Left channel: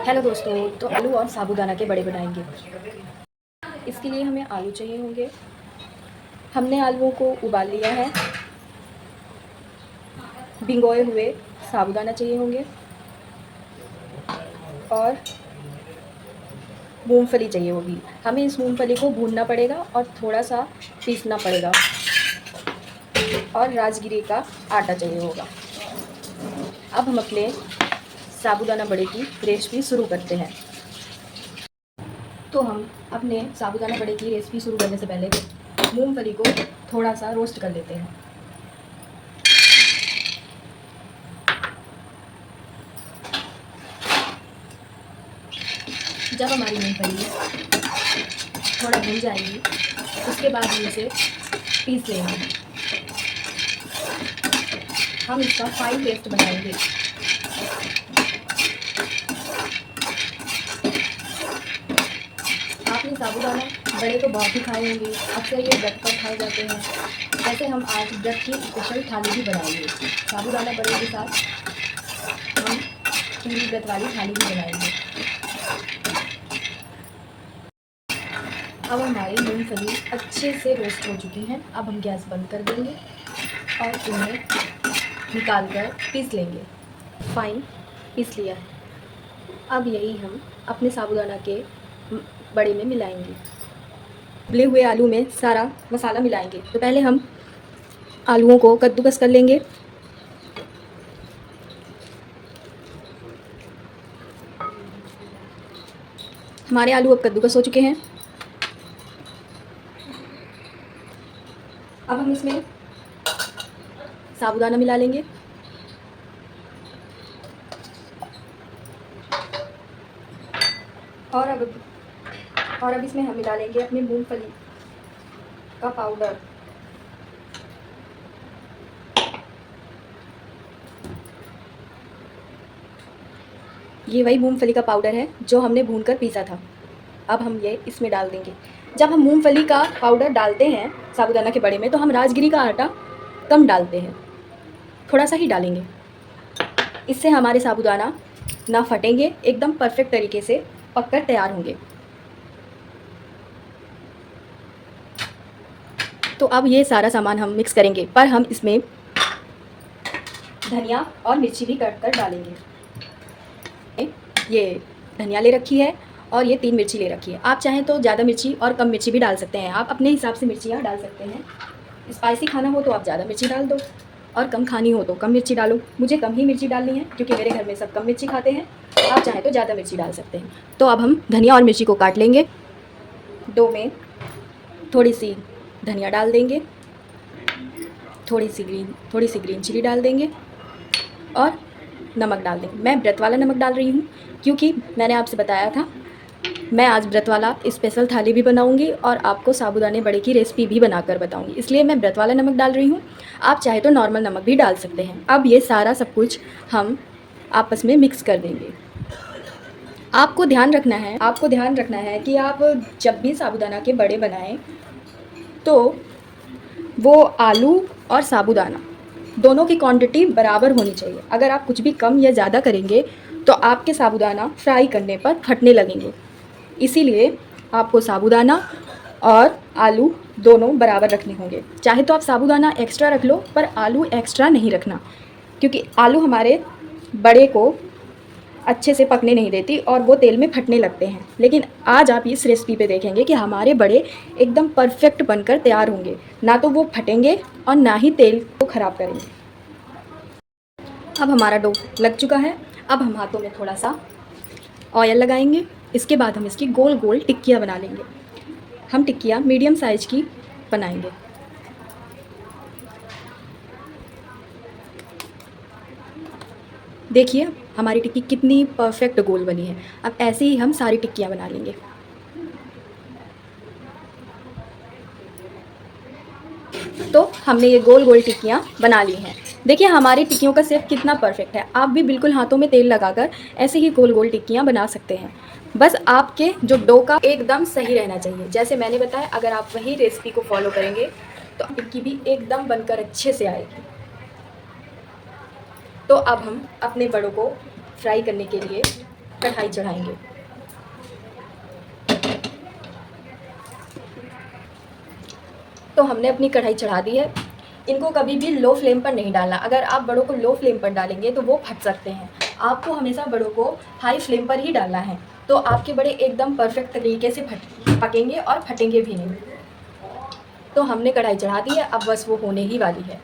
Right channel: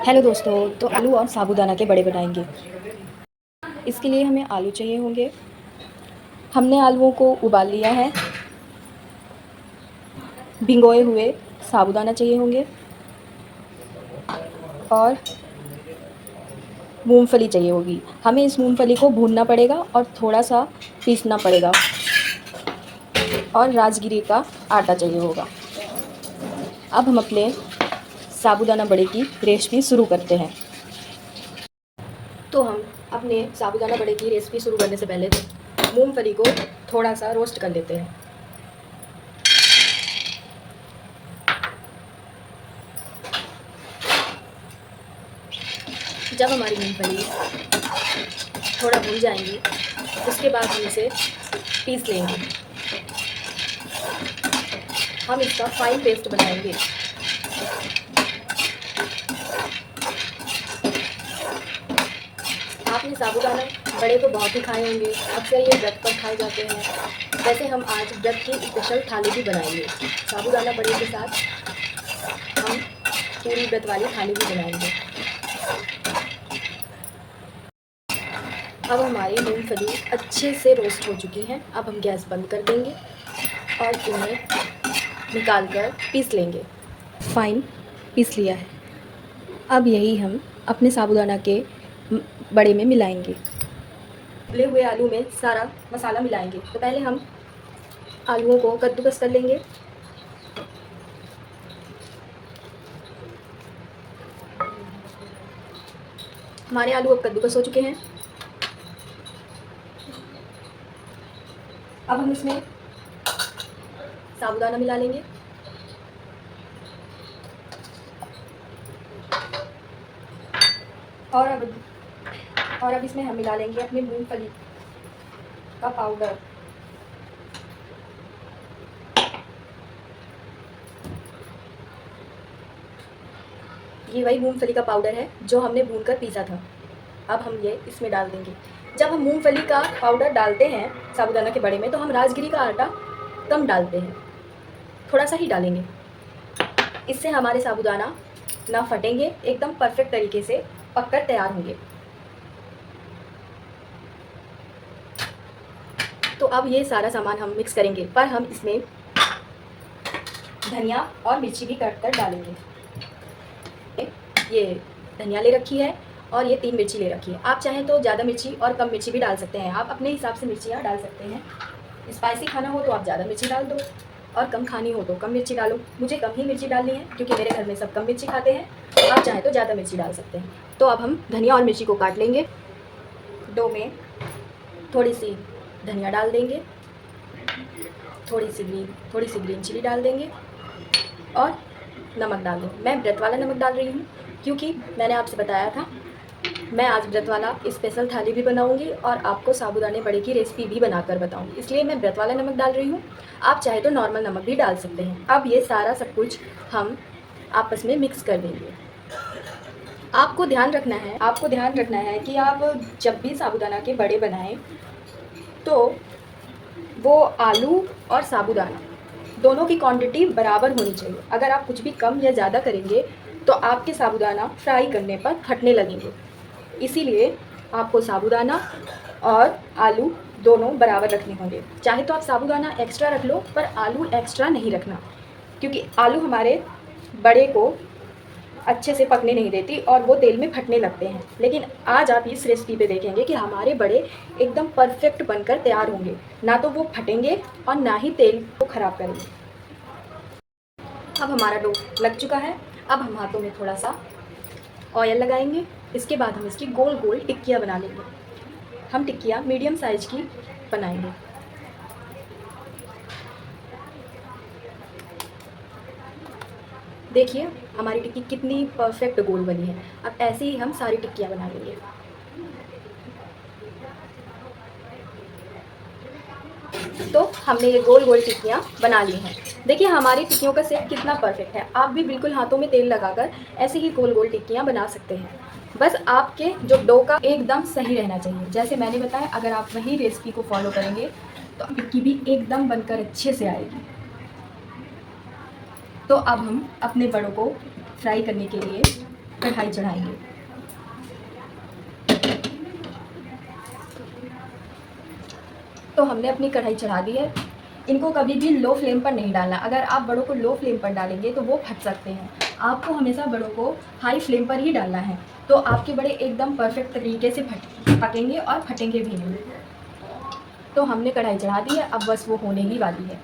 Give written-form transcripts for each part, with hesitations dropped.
Hello दोस्तों, तो आलू और साबूदाना के बड़े बनाएंगे। इसके लिए हमें आलू चाहिए होंगे। हमने आलूओं को उबाल लिया है। भिगोए हुए साबूदाना चाहिए होंगे और मूंगफली चाहिए होगी। हमें इस मूंगफली को भूनना पड़ेगा और थोड़ा सा पीसना पड़ेगा। और राजगिरी का आटा चाहिए होगा। अब हम अपने साबूदाना बड़े की रेसिपी शुरू करते हैं। तो हम अपने साबूदाना बड़े की रेसिपी शुरू करने से पहले मूंगफली को थोड़ा सा रोस्ट कर लेते हैं। जब हमारी मूंगफली थोड़ा भून जाएंगी उसके बाद हम इसे पीस लेंगे। हम इसका फाइन पेस्ट बनाएंगे। आपने साबूदाना बड़े तो बहुत ही खाए होंगे। अक्सर ये व्रत पर खाए जाते हैं। वैसे हम आज व्रत की स्पेशल थाली भी बनाएंगे। साबूदाना बड़े के साथ हम पूरी व्रत वाली थाली भी बनाएंगे। अब हमारी मूंगफली अच्छे से रोस्ट हो चुकी है। अब हम गैस बंद कर देंगे और इन्हें निकाल कर पीस लेंगे। फाइन पीस लिया है। अब यही हम अपने साबूदाना के बड़े में मिलाएंगे। उबले हुए आलू में सारा मसाला मिलाएंगे। तो पहले हम आलूओं को कद्दूकस कर लेंगे। हमारे आलू अब कद्दूकस हो चुके हैं। अब हम इसमें साबूदाना मिला लेंगे। और अब इसमें हम मिला लेंगे अपनी मूंगफली का पाउडर। ये वही मूंगफली का पाउडर है जो हमने भूनकर पीसा था। अब हम ये इसमें डाल देंगे। जब हम मूंगफली का पाउडर डालते हैं साबूदाना के बड़े में तो हम राजगिरी का आटा कम डालते हैं, थोड़ा सा ही डालेंगे। इससे हमारे साबूदाना ना फटेंगे, एकदम परफेक्ट तरीके से पककर तैयार होंगे। तो अब ये सारा सामान हम मिक्स करेंगे, पर हम इसमें धनिया और मिर्ची भी कट कर डालेंगे। ये धनिया ले रखी है और ये 3 मिर्ची ले रखी है। आप चाहें तो ज़्यादा मिर्ची और कम मिर्ची भी डाल सकते हैं। आप अपने हिसाब से मिर्चियाँ डाल सकते हैं। स्पाइसी खाना हो तो आप ज़्यादा मिर्ची डाल दो और कम खानी हो तो कम मिर्ची डालो। मुझे कम ही मिर्ची डालनी है क्योंकि मेरे घर में सब कम मिर्ची खाते हैं। आप चाहें तो ज़्यादा मिर्ची डाल सकते हैं। तो अब हम धनिया और मिर्ची को काट लेंगे। डो में थोड़ी सी धनिया डाल देंगे, थोड़ी सी ग्रीन चिली डाल देंगे और नमक डाल देंगे। मैं व्रत वाला नमक डाल रही हूँ क्योंकि मैंने आपसे बताया था मैं आज व्रत वाला स्पेशल थाली भी बनाऊंगी और आपको साबूदाने बड़े की रेसिपी भी बनाकर बताऊंगी, इसलिए मैं व्रत वाला नमक डाल रही हूँ। आप चाहे तो नॉर्मल नमक भी डाल सकते हैं। अब ये सारा सब कुछ हम आपस में मिक्स कर देंगे। आपको ध्यान रखना है कि आप जब भी साबूदाना के बड़े बनाएं तो वो आलू और साबूदाना दोनों की क्वांटिटी बराबर होनी चाहिए। अगर आप कुछ भी कम या ज़्यादा करेंगे तो आपके साबूदाना फ्राई करने पर फटने लगेंगे। इसीलिए आपको साबूदाना और आलू दोनों बराबर रखने होंगे। चाहे तो आप साबूदाना एक्स्ट्रा रख लो पर आलू एक्स्ट्रा नहीं रखना, क्योंकि आलू हमारे बड़े को अच्छे से पकने नहीं देती और वो तेल में फटने लगते हैं। लेकिन आज आप इस रेसिपी पे देखेंगे कि हमारे बड़े एकदम परफेक्ट बनकर तैयार होंगे, ना तो वो फटेंगे और ना ही तेल को ख़राब करेंगे। अब हमारा डो लग चुका है। अब हम हाथों में थोड़ा सा ऑयल लगाएंगे। इसके बाद हम इसकी गोल गोल टिक्कियाँ बना लेंगे। हम टिक्कियाँ मीडियम साइज की बनाएंगे। देखिए हमारी टिक्की कितनी परफेक्ट गोल बनी है। अब ऐसे ही हम सारी टिक्कियाँ बना लेंगे। तो हमने ये गोल गोल टिक्कियाँ बना ली हैं। देखिए हमारी टिक्कियों का शेप कितना परफेक्ट है। आप भी बिल्कुल हाथों में तेल लगाकर ऐसे ही गोल गोल टिक्कियाँ बना सकते हैं। बस आपके जो डो का एकदम सही रहना चाहिए। जैसे मैंने बताया, अगर आप वही रेसिपी को फॉलो करेंगे तो टिक्की भी एकदम बनकर अच्छे से आएगी। तो अब हम अपने बड़ों को फ्राई करने के लिए कढ़ाई चढ़ाएंगे। तो हमने अपनी कढ़ाई चढ़ा दी है। इनको कभी भी लो फ्लेम पर नहीं डालना। अगर आप बड़ों को लो फ्लेम पर डालेंगे तो वो फट सकते हैं। आपको हमेशा बड़ों को हाई फ्लेम पर ही डालना है, तो आपके बड़े एकदम परफेक्ट तरीके से पकेंगे और फटेंगे भी नहीं। तो हमने कढ़ाई चढ़ा दी है, अब बस वो होने ही वाली है।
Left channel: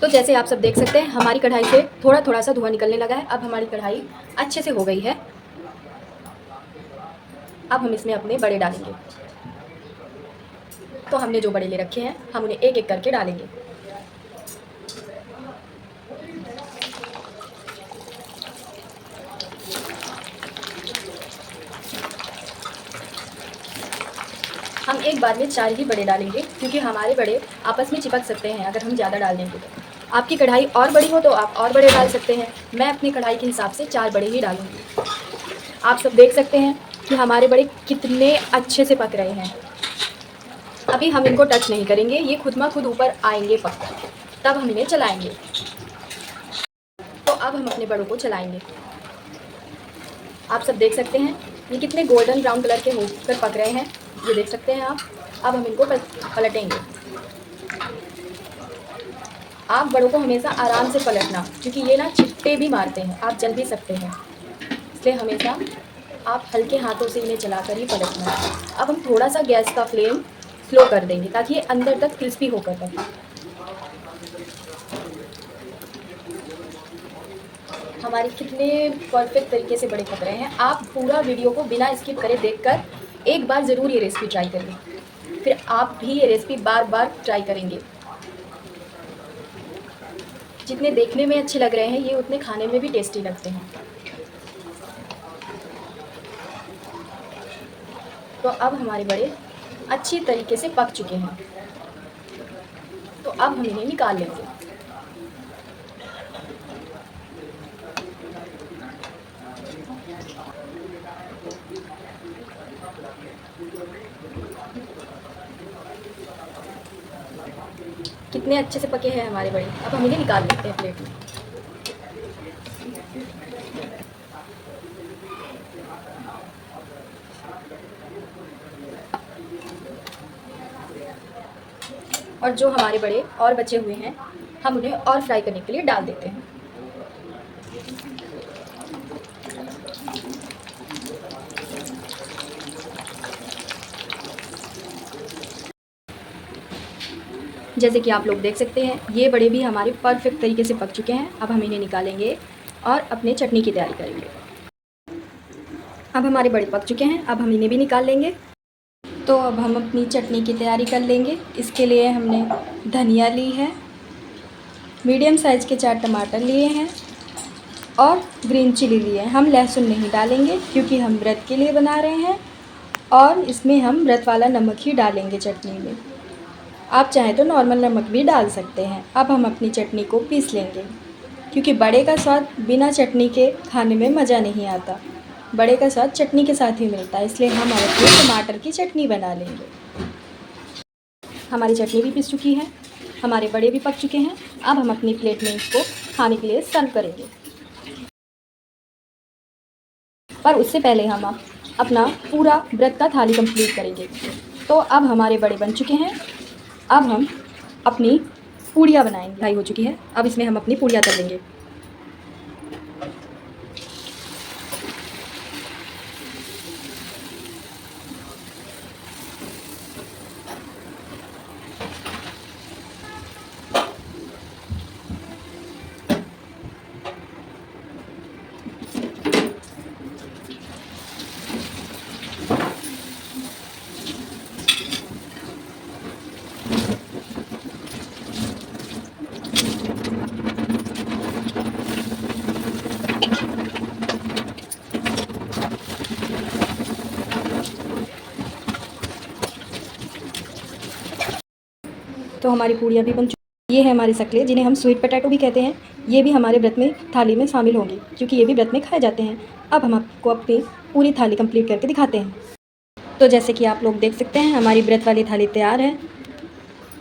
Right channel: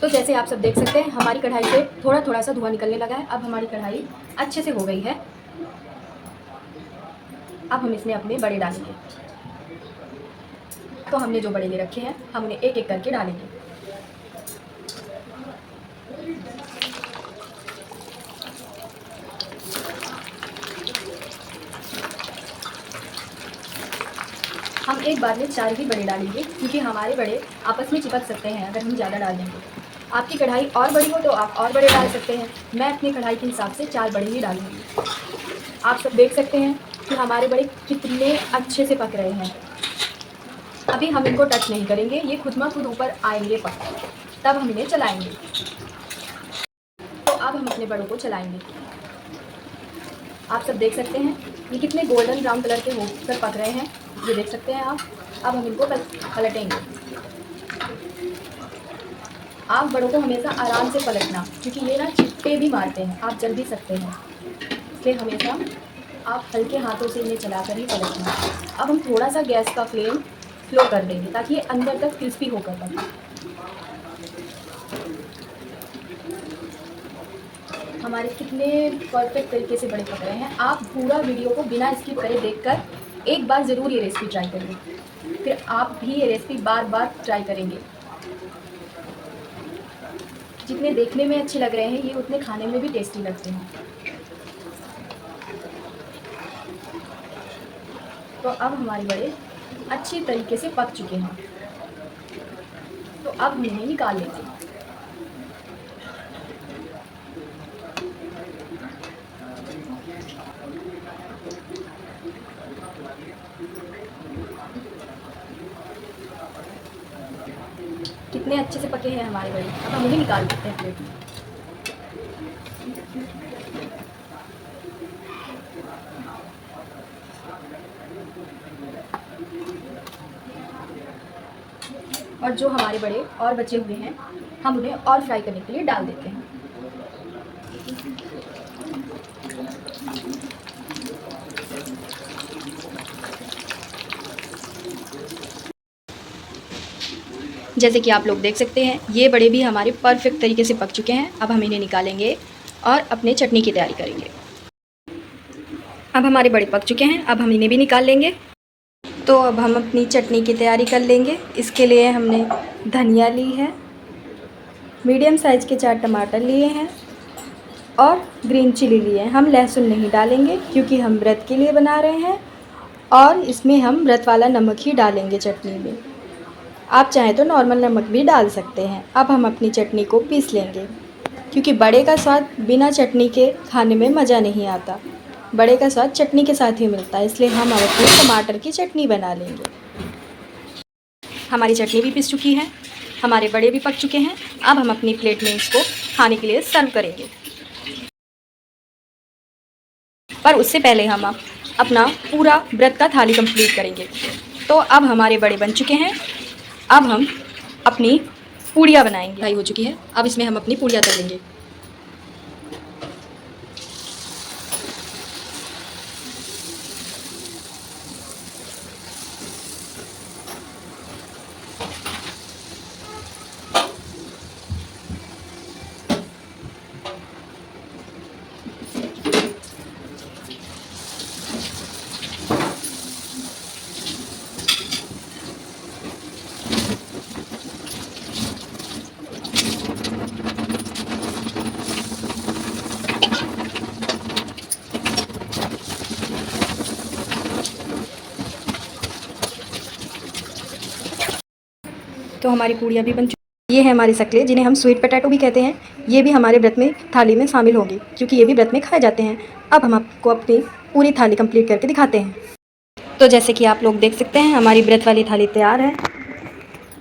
तो जैसे आप सब देख सकते हैं हमारी कढ़ाई से थोड़ा थोड़ा सा धुआं निकलने लगा है। अब हमारी कढ़ाई अच्छे से हो गई है। अब हम इसमें अपने बड़े डालेंगे। तो हमने जो बड़े ले रखे हैं हम उन्हें एक एक करके डालेंगे। हम एक बार में 4 ही बड़े डालेंगे, क्योंकि हमारे बड़े आपस में चिपक सकते हैं अगर हम ज़्यादा डाल देंगे तो। आपकी कढ़ाई और बड़ी हो तो आप और बड़े डाल सकते हैं। मैं अपनी कढ़ाई के हिसाब से 4 बड़े ही डालूंगी। आप सब देख सकते हैं कि हमारे बड़े कितने अच्छे से पक रहे हैं। अभी हम इनको टच नहीं करेंगे, ये खुद ब खुद ऊपर आएंगे पक, तब हम इन्हें चलाएंगे। तो अब हम अपने बड़ों को चलाएंगे। आप सब देख सकते हैं ये कितने गोल्डन ब्राउन कलर के होकर पक रहे हैं, ये देख सकते हैं आप। अब हम इनको पलटेंगे। आप बड़ों को हमेशा आराम से पलटना, क्योंकि ये ना चिट्टे भी मारते हैं, आप जल भी सकते हैं, इसलिए हमेशा आप हल्के हाथों से इन्हें चलाकर ही पलटना। अब हम थोड़ा सा गैस का फ्लेम स्लो कर देंगे ताकि ये अंदर तक क्रिस्पी होकर पके। हमारे कितने परफेक्ट तरीके से बड़े पक रहे हैं। आप पूरा वीडियो को बिना स्किप करे देखकर एक बार ज़रूर ये रेसिपी ट्राई करिए, फिर आप भी ये रेसिपी बार बार ट्राई करेंगे। जितने देखने में अच्छे लग रहे हैं ये उतने खाने में भी टेस्टी लगते हैं। तो अब हमारे बड़े अच्छी तरीके से पक चुके हैं, तो अब हम इन्हें निकाल लेंगे। कितने अच्छे से पके हैं हमारे बड़े। अब हम इन्हें निकाल लेते हैं प्लेट में। और जो हमारे बड़े और बचे हुए हैं हम उन्हें और फ्राई करने के लिए डाल देते हैं। जैसे कि आप लोग देख सकते हैं ये बड़े भी हमारे परफेक्ट तरीके से पक चुके हैं। अब हम इन्हें निकालेंगे और अपने चटनी की तैयारी करेंगे। अब हमारे बड़े पक चुके हैं, अब हम इन्हें भी निकाल लेंगे। तो अब हम अपनी चटनी की तैयारी कर लेंगे। इसके लिए हमने धनिया ली है, मीडियम साइज़ के 4 टमाटर लिए हैं और ग्रीन चिली लिए हैं। हम लहसुन नहीं डालेंगे क्योंकि हम व्रत के लिए बना रहे हैं और इसमें हम व्रत वाला नमक ही डालेंगे चटनी में। आप चाहें तो नॉर्मल नमक भी डाल सकते हैं। अब हम अपनी चटनी को पीस लेंगे, क्योंकि बड़े का स्वाद बिना चटनी के खाने में मज़ा नहीं आता। बड़े का स्वाद चटनी के साथ ही मिलता है, इसलिए हम अपने टमाटर की चटनी बना लेंगे। हमारी चटनी भी पीस चुकी है, हमारे बड़े भी पक चुके हैं। अब हम अपनी प्लेट में इसको खाने के लिए सर्व करेंगे। पर उससे पहले हम अपना पूरा व्रत का थाली कंप्लीट करेंगे। तो अब हमारे बड़े बन चुके हैं। अब हम अपनी पूड़ियाँ बनाएंगे। फ्राई हो चुकी है, अब इसमें हम अपनी पूड़ियाँ तल लेंगे। तो हमारी पूड़ियाँ भी बन चुकी। ये है हमारी सकले, जिन्हें हम स्वीट पोटैटो भी कहते हैं। ये भी हमारे व्रत में थाली में शामिल होंगी, क्योंकि ये भी व्रत में खाए जाते हैं। अब हम आपको अपनी पूरी थाली कंप्लीट करके दिखाते हैं। तो जैसे कि आप लोग देख सकते हैं हमारी व्रत वाली थाली तैयार है।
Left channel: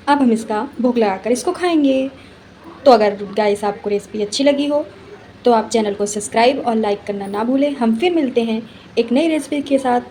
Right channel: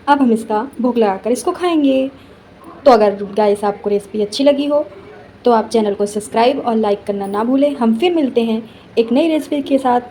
अब हम इसका भोग लगाकर इसको खाएंगे। तो अगर गाइस आपको रेसिपी अच्छी लगी हो तो तो आप चैनल को सब्सक्राइब और लाइक करना ना भूलें। हम फिर मिलते हैं एक नई रेसिपी के साथ।